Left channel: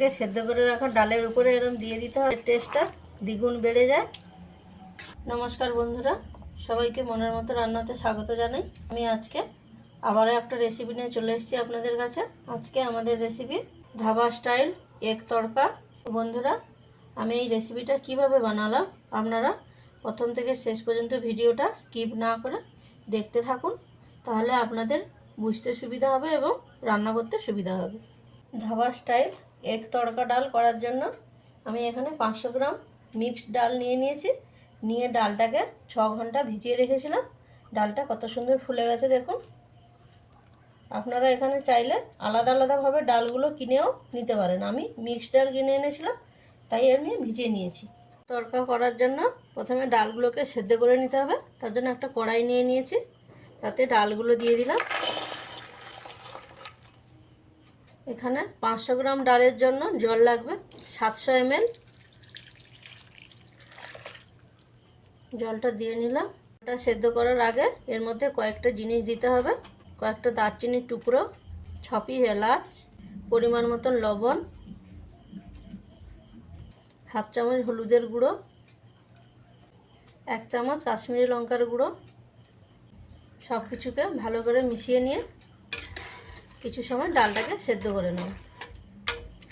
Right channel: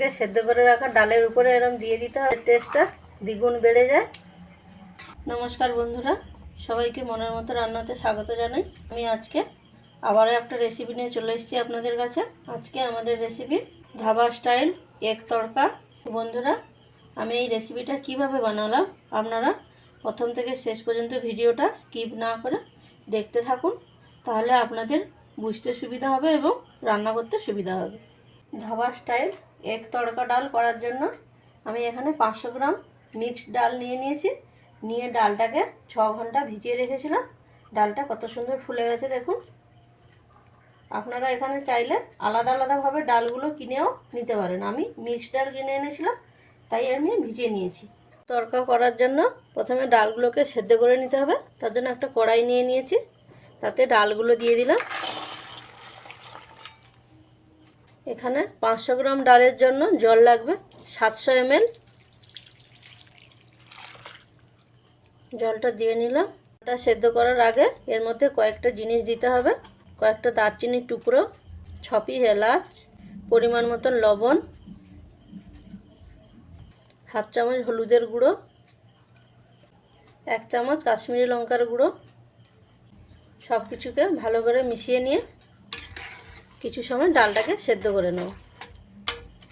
থেকে সেদ্ধ করে রাখা ডালের উপরে এরকম দিয়ে দিতে হবে। টেস্টটা দ্বিগুণ বেড়ে যায়। নমস্কার বন্ধুরা, সবাইকে মনের মতো রান্নাতে স্বাগত জানাই। আমি আজকে আবারও একটা রেসিপি নিয়ে চলে এসেছি আপনাদের কাছে। আজকে আমাদের recipe dhaba style egg tadka. বন্ধুরা, আমি এই রেসিপিটা কীভাবে বানালাম আপনারা প্রথম থেকে শেষ পর্যন্ত ভিডিওটা স্কিপ না করে দেখতে থাকুন, তাহলে আপনাদের বুঝতে সুবিধা হবে এবং রান্না করতে সুবিধা হবে। ধাবা স্টাইল এগ তড়কা ডাল করার জন্য আমি এখানে পাঁচশো গ্রাম মিক্সড ডাল নিয়ে নিয়েছি। নিয়ে ডালটাকে ছ ঘণ্টা ভিজিয়ে রেখেছিলাম। ডালটা কত সুন্দর ফুলে গেছে দেখুন। আপনারা এখানে চাইলে আলাদা আলাদাভাবে ডালগুলো কিনেও নিতে পারেন। আমি মিক্সড ডাল কিনে এনেছিলাম, তাই আমি ভিজিয়ে নিয়েছি। তড়কা করার জন্য প্রথমে ডালগুলোকে সেদ্ধ করে নিতে হবে। তার জন্য একটা কড়াই নিয়ে নিয়েছি। তাতে ডালগুলো দিয়ে দিলাম। এখানে পাঁচশো গ্রাম ডালের জন্য জল লাগবে, সাতশো এমএল। জলটা দিয়ে নিলাম। এটা সেদ্ধ করার আগে এর মধ্যে কয়েকটা জিনিস দিতে হবে। কয়েকটা দারচিনির টুকরো, ছপি এলাচ, পরিমাণ মতন লবণ, হাফ চামচ হলুদের গুঁড়ো, এক চামচ কাশ্মীরি লঙ্কার গুঁড়ো। সব কিছুকে ভালো করে মিশিয়ে নিয়ে কিছু সময় ডালটাকে সেদ্ধ করে নেব।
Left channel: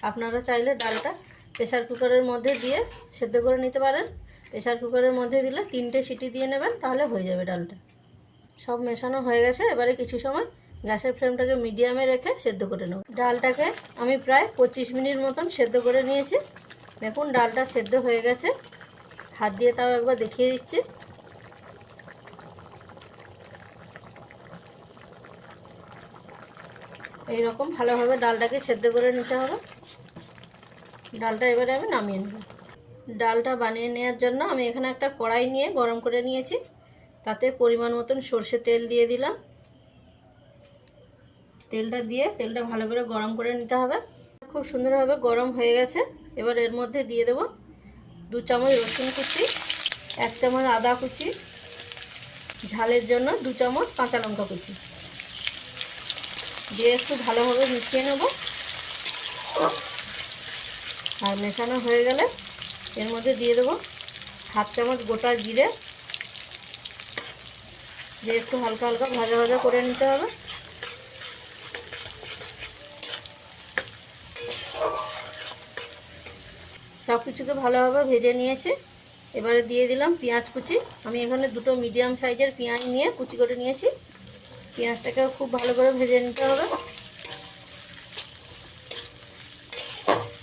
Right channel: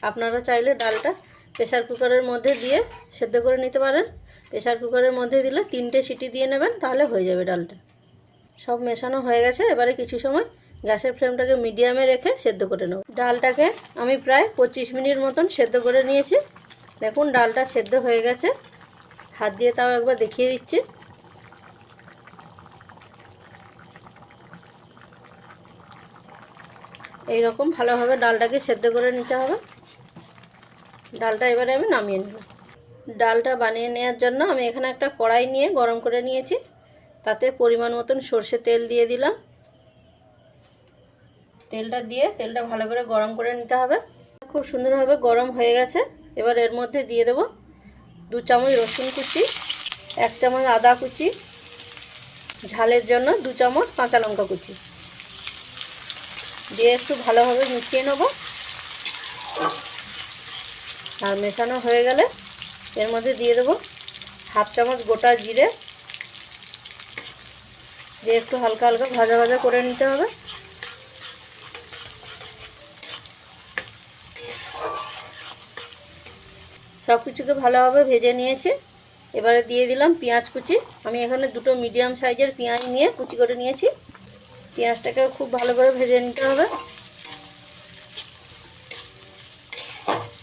আপনারা চাইলে ডালটা প্রেসার কুকারের মধ্যে দিয়ে সেদ্ধ করে নিতে পারেন। প্রেশার কুকারের মধ্যে দিলে তিনটে সিটি দিয়ে নেবেন, তাহলে হয়ে যাবে ডালটা। সব মেশানো হয়ে গেছে, এবারে কিছু সময় গ্যাসের ফ্লেমটাকে মিডিয়ামে রেখে সেদ্ধ করে নেব। ডালটাকে আমি প্রায় পঁচিশ মিনিট মতন সেদ্ধ করে নিয়েছি। দেখুন, ডালটা সেদ্ধ হয়ে গেছে। হাত দিয়ে তাও একবার দেখিয়ে দিচ্ছি। এই রকম ভালোভাবে ডালটাকে সেদ্ধ করে নিতে হবে। ডালটা এবারে আমি নামিয়ে নেব। ডালটা বানিয়ে নেওয়ার জন্য আমি এখানে একটা কড়াই নিয়ে গরম করে নিয়েছি। তাতে পরিমাণ মতন সর্ষে তেল দিয়ে দিলাম। তেলটা দিয়ে তেলটা ভালো করে গরম করে নিতে হবে। খুব সুন্দরভাবে গরম হয়ে গেছে। এবার এর মধ্যে দিয়ে দেব দু চামচ রসুন কুচি, এক চামচ আদা কুচি, ঝালের জন্য দু চামচ কাঁচা লঙ্কা কুচি। দিয়ে একটু ভালোভাবে মিশিয়ে নেব। আর মেশানো হয়ে গেলে এর মধ্যে দিয়ে দেবো হাফ চামচ গোটা জিরে। দিয়ে একটু হালকা হালকা ভাজা ভাজা করে নিতে হবে। সব কিছুকে ভালোভাবে ভেজে নিয়েছে। এবারে দিয়ে দিলাম পেঁয়াজ কুচি। আমি এখানে দুটো মিডিয়াম সাইজের পেঁয়াজ নিয়ে কুচি করে নিয়েছি। পেঁয়াজটাকে খুব ভালো করে ভেজে নিতে হবে।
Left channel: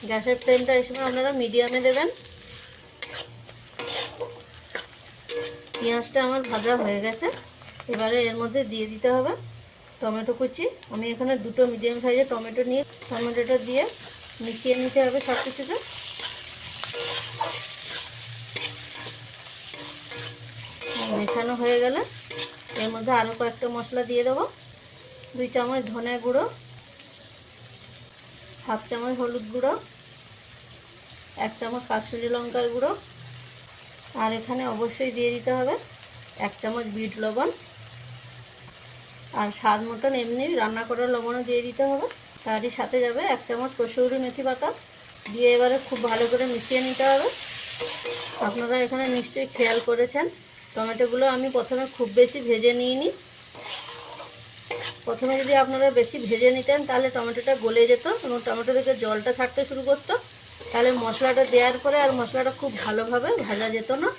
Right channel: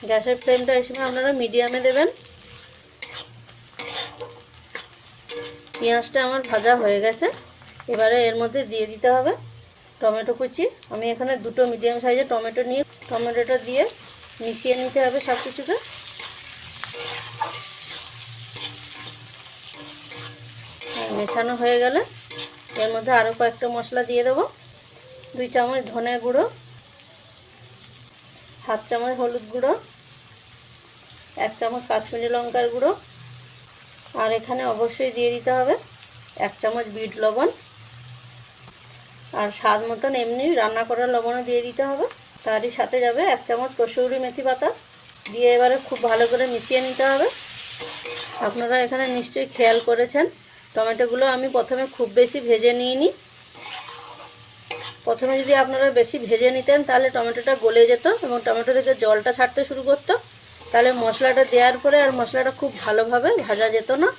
গ্যাসের ফ্লেমটা এই সময় আপনারা মিডিয়ামে দেবেন। পেঁয়াজটা আমার ভাজা হয়ে গেছে। এবারে এর মধ্যে দিয়ে দিতে হবে টমেটো কুচি। আমি এখানে দুটো মিডিয়াম সাইজের টমেটো নিয়ে, টমেটোটা দিয়ে মিশিয়ে নিতে হবে সব কিছুকে মেশানো হয়ে গেলে এর মধ্যে আরও কয়েকটা মশলা দিয়ে দেবো। দুই চামচ ধনে গুঁড়ো, হাফ চামচ হলুদ গুঁড়ো, এক চামচ কাশ্মীরি লঙ্কার গুঁড়ো। আর এখানে অবশ্যই দিয়ে দিতে হবে এক চামচ বিট লবণ। আর স্বাদ মতন এমনি রান্না করার লবণও দিয়ে দিতে হবে। তারই সাথে যাবে এক চামচ কসুরি মেথি পাতা। দিয়ে এবারে খুব ভালো করে মিশিয়ে নিতে হবে। আপনারা এখানে নিশ্চয়ই খেয়াল করেছেন। টমেটোগুলো আমি প্রথমে খুব বেশি ভেজে নিইনি। প্রথমে যদি আপনারা বেশি ভেজে নিতেন, তাহলে টমেটোটা গলে যেত এবং টমেটো থেকে জলটা ছাড়তে শুরু করতো। তাহলে মশলাটা দেওয়ার পরে আর মশলাটা খুব ভালোভাবে ভাজা যেত না।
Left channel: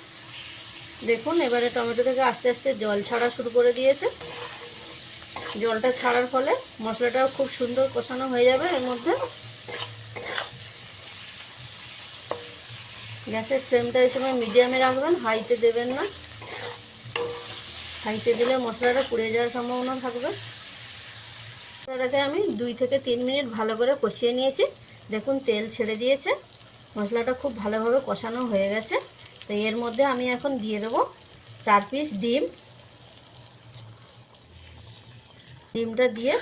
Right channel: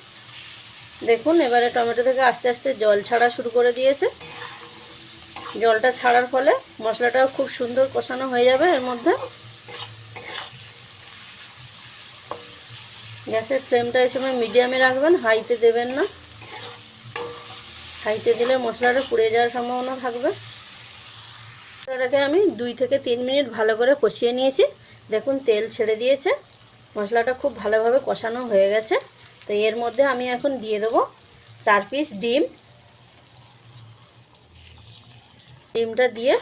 দেখুন, এবারে টমেটো থেকে আস্তে আস্তে জল ছাড়া শুরু করে দিয়েছে। জলটা ছাড়ার ফলে মশলাটাও খুব সুন্দর কষানো হয়ে যাবে এর মধ্যে। গ্যাসের ফ্লেমটা এই সময় মিডিয়ামে রাখবেন, হাইতে দেবেন না। হাইতে দিলে মশলাটা পুড়ে যাওয়ার সম্ভাবনা থাকবে। মশলাটাকে আমি দুই থেকে তিন মিনিট ভালো করে কষিয়ে নিয়েছি। দেখুন, তেল ছেড়ে দিয়েছে। মশলাটা খুব ভালোভাবে কষানো হয়ে গেছে। তো এর মধ্যে আমি এখন দিয়ে দেবো চার পিস ডিম। ডিমটা দিয়ে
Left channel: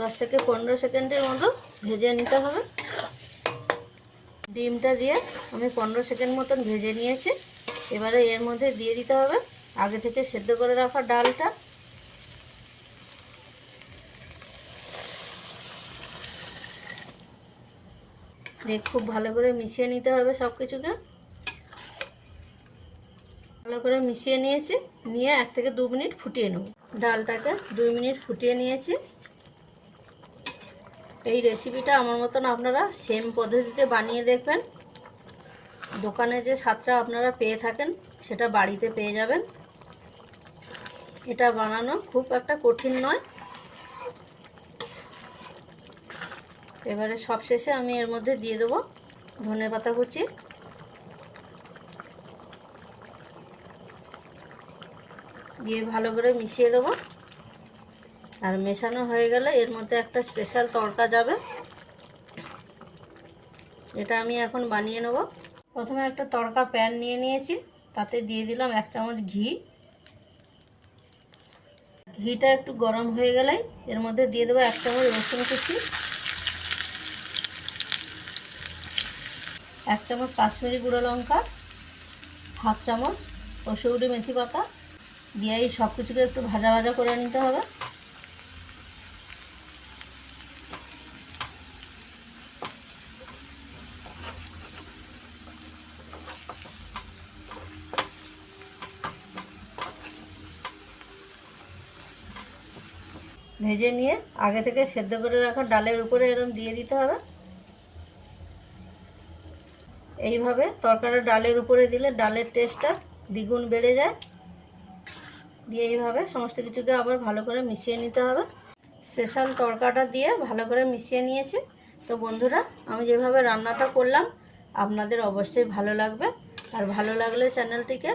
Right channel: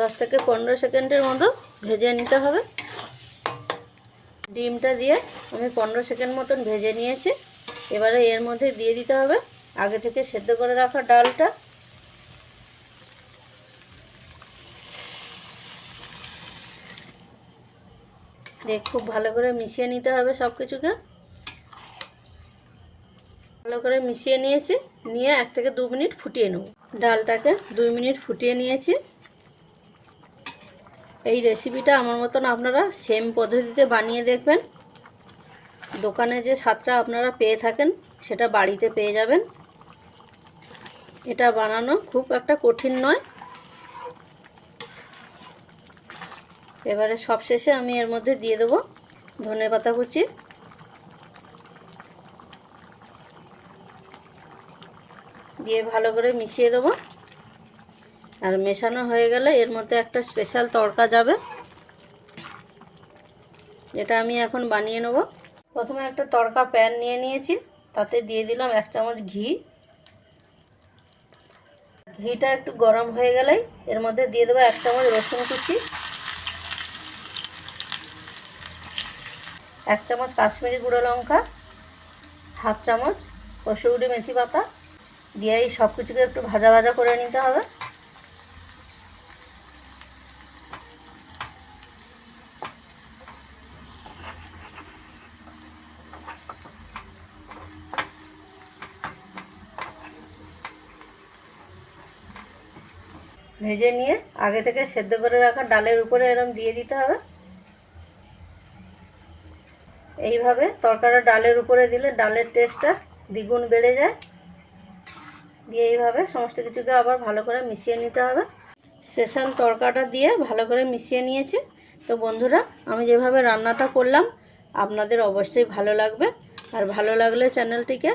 দশ থেকে পনেরো সেকেন্ডের মতো ভেজে নিতে হবে। ডিমটা দিয়ে আমি পনেরো সেকেন্ড মতন ভেজে নিয়েছি। এবারে এর মধ্যে দিয়ে দিতে হবে। আগে থেকে সেদ্ধ করে রাখা ডালটা। দিয়ে খুব ভালো করে মিশিয়ে নিতে হবে সব কিছুকে ভালো করে মিশিয়ে নিয়েছি। নিয়ে এক থেকে দু মিনিট ফুটিয়ে নেব। ডালটাকে দুই মিনিট ফুটিয়ে নিয়েছি। এই রেসিপিটা আমার মতন আপনারা সেম পদ্ধতিতে বানিয়ে দেখবেন। দোকানে যে স্বাদটা আপনারা পেয়ে থাকেন, সেটা বাড়িতে পেয়ে যাবেন। এটা বানানো খুব একটা কঠিন নয়। এবারে সবশেষে আমি এর মধ্যে দিয়ে দেবো ধনে পাতা কুচি। দিয়ে ভালো করে মিশিয়ে দেবো। আর মেশানো হয়ে গেলে এর মধ্যে একটা স্পেশাল তড়কা যাবে। এটা আমি এখন বানিয়ে নেব। প্রথমে একটা তড়কা প্যান নিয়ে নিয়েছি, তাতে দিয়ে দিলাম এক চামচ ঘি। ঘিটা একটু গরম হয়ে গেলেই এর মধ্যে দিয়ে দেবো এক চামচ রসুন কুচি, এক চামচ কাশ্মীরি গুঁড়ো লঙ্কা, হাফ চামচ কসুরি মেথি পাতা। দিয়ে সব কিছুকে একটু ভাজা ভাজা করে নিতে হবে। ভেজে নিয়ে আগে থেকে সেদ্ধ করে রাখা ডালের উপরে এরম দিয়ে দিতে হবে। এইভাবে তরকাটা ডালের উপরে দিলে ডালের টেস্টটা দ্বিগুণ বেড়ে যায়। দিয়ে এইভাবে সমস্ত কিছুকে আবার ভালো করে মিশিয়ে নিতে হবে। স্পেশাল তরকাটা দিয়ে ভালো করে মিশিয়ে নিয়েছি। তো বন্ধুরা, আমি যেভাবে রান্নাটা করলাম, আপনাদের অবশ্যই ভালো লাগবে। আর ভালো লাগলে চ্যানেলটিকে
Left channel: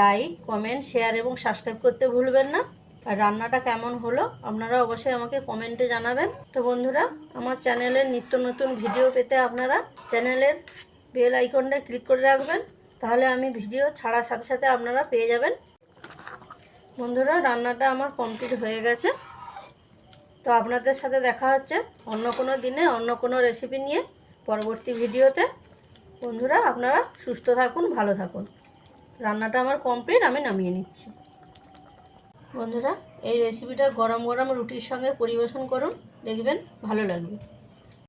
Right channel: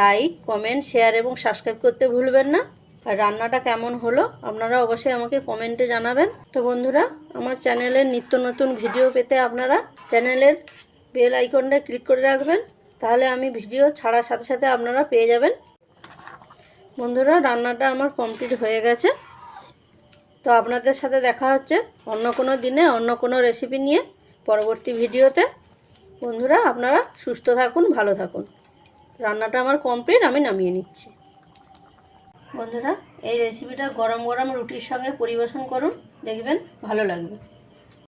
লাইক, কমেন্ট, শেয়ার এবং সাবস্ক্রাইব করতে ভুলবেন না। আর রান্নাটা কেমন হলো আপনারা অবশ্যই আমাকে কমেন্টে জানাবেন। তো বন্ধুরা, আমার চ্যানেলের নিত্য নতুন ভিডিও পেতে আপনারা চ্যানেলের বেল আইকনটা ক্লিক করে রাখবেন, তাহলে আমি ভিডিও ছাড়ার সাথে সাথে আপনারা পেয়ে যাবেন। বন্ধুরা, রান্নাটা আমার কমপ্লিট হয়ে গেছে। তো আপনাদের সাথে দেখা হচ্ছে অন্য কোনো দিনে, অন্য কোনো রেসিপি নিয়ে পরবর্তী ভিডিওতে। বন্ধুরা, আপনারা সুস্থ থাকুন, ভালো থাকুন। রান্নাটা আমার কমপ্লিট, আমি নামিয়ে নিচ্ছি। বন্ধুরা এই রেসিপিটা গরম গরম রুটির সঙ্গে পরিবেশন করুন দেখবেন ভালো লাগবে।